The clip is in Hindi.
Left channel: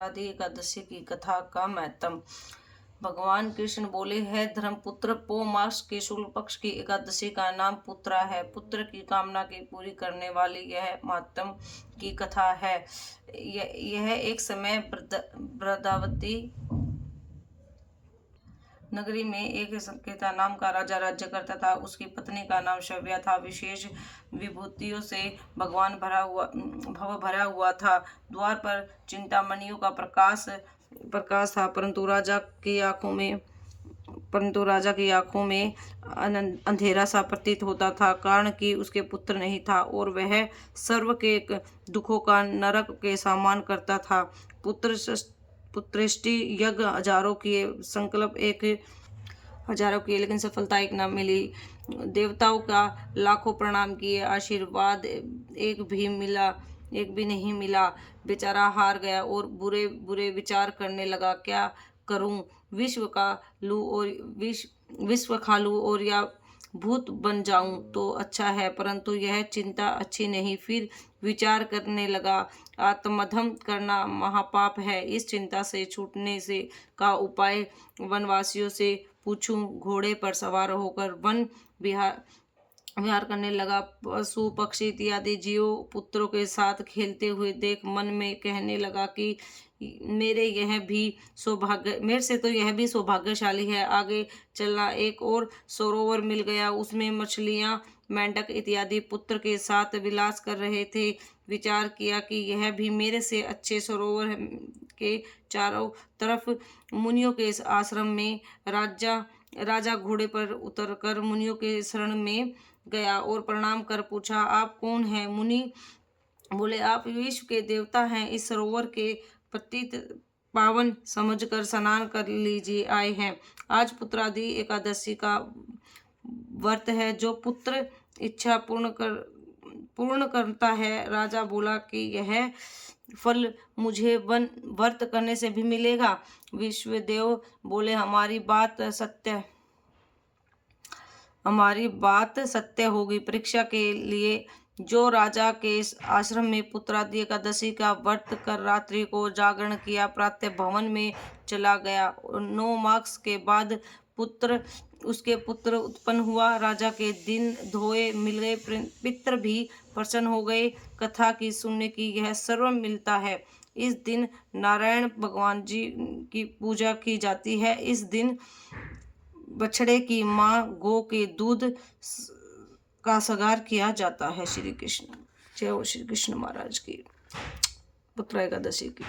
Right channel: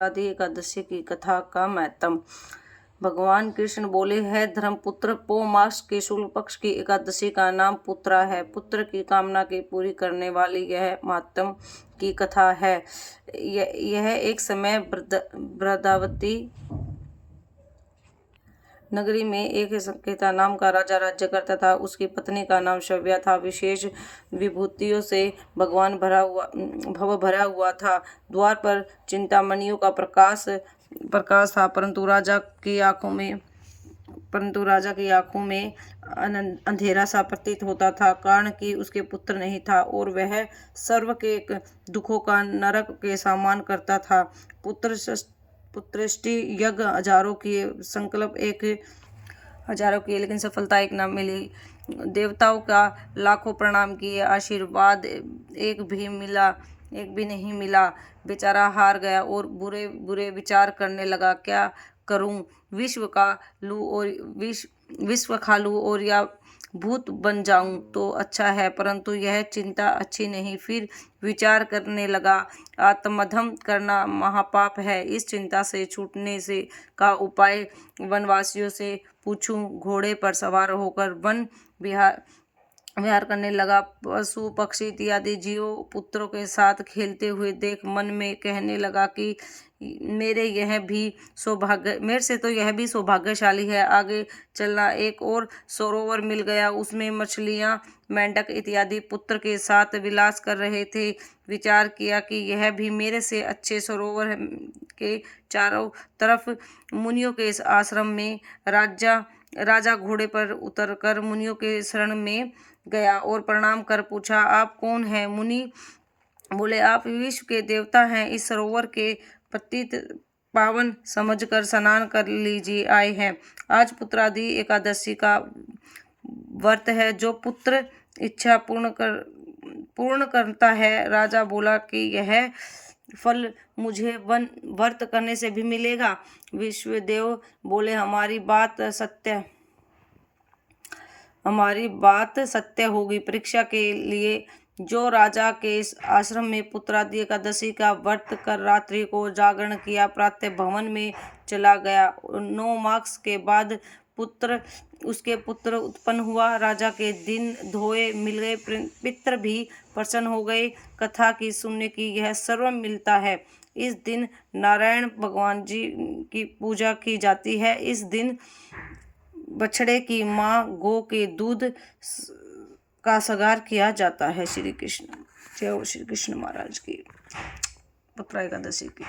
आदि एकादशी की कथा का महत्म। भगवान कृष्ण बोले, है धर्मपुत्र, पौ मास की शुक्ल पक्ष की एकादशी का नाम पुत्रा है। पुत्र की कामना की पूरी करने वाली यह महात्म की कथा है। यह एक समय वृंदावती नगरी में एक संकेता नाम का राजा राज्य करता था। उसकी पत्नी का नाम शव्या था। विशेष विभूतियों से भगवान भव भरा हुआ था। द्वार पर चिंतामणियों का प्रकाश था, परंतु राजा की आंखों में अंधेरा सा प्रतीत होता था, कारण कि उसके पुत्र नहीं था और वह सर्व के दुखों का नरक के समान करता था। पुत्रेष्टि यज्ञ हजारों किए, लेकिन सफलता एक न मिली। देवताओं का लाखों प्रणाम किए, आशीर्वाद एक भी नहीं मिला। बेचारा हार गया और बुरे बुरे विचार करने लगा, क्या करूं? विश्व खा लूं और या भूत बन जाऊं तो अच्छा है, परंतु यह चिंता अच्छी नहीं। फिर विचार करने लगा, आत्मदहन करना महापाप है। इस चिंता से छूटने का उपाय वनवासियों से पूछूं। घोड़े पर सवार होकर वन विहार करने लगा। पशु पक्षी इत्यादि जीव पुत्रों के साथ खेलते हुए देख मन में कहने लगा कि मेरे से तो यह भी सौभाग्यशाली है। आगे चलना, एक और सरोवर मिल गया। उसमें मछलियां, मेंढक इत्यादि पुत्र के साथ विलास कर रहे थे। विचार किया कि यह भी मेरे से अच्छे सरोवर के चारों तरफ मुनियों के आश्रम में। राजा घोड़े पर उतरकर मुनियों के शरण में गया और प्रणाम कर पूछा, आप कौन हैं? मुनि बोले, आप विश्व के देवता हैं। इस सरोवर के पतित पावन समझकर स्नान कर लीजिए आए हैं। आज पुत्रादि एकादशी का व्रत है। जो पुत्र इच्छा पूर्ण करता है। राजा बोला कि यह फल मुझे व्रत करने से भी मिलेगा? विश्वदेव बोले, हमारी बात सत्य होगी। परीक्षा के लिए जो राजा के आश्रम में पुत्रादि एकादशी का व्रत कर रात्रि को जागरण किया, प्रातः भवन में चला गया। 9 मास के बाद उसके पुत्र उत्पन्न हुआ। राजा के दिन धोए मिल गए, पितर भी प्रसन्न हो गए। कथा की सुनने की यह सर्व मिलता है। इस दिन नारायण भगवान जी की पूजा की जाती है। इस दिन बछड़े की मां गौ के दूध का सगार किया जाता है। श्री कृष्ण। जय हो श्री कृष्ण महाराज की। पुत्र एकादशी की।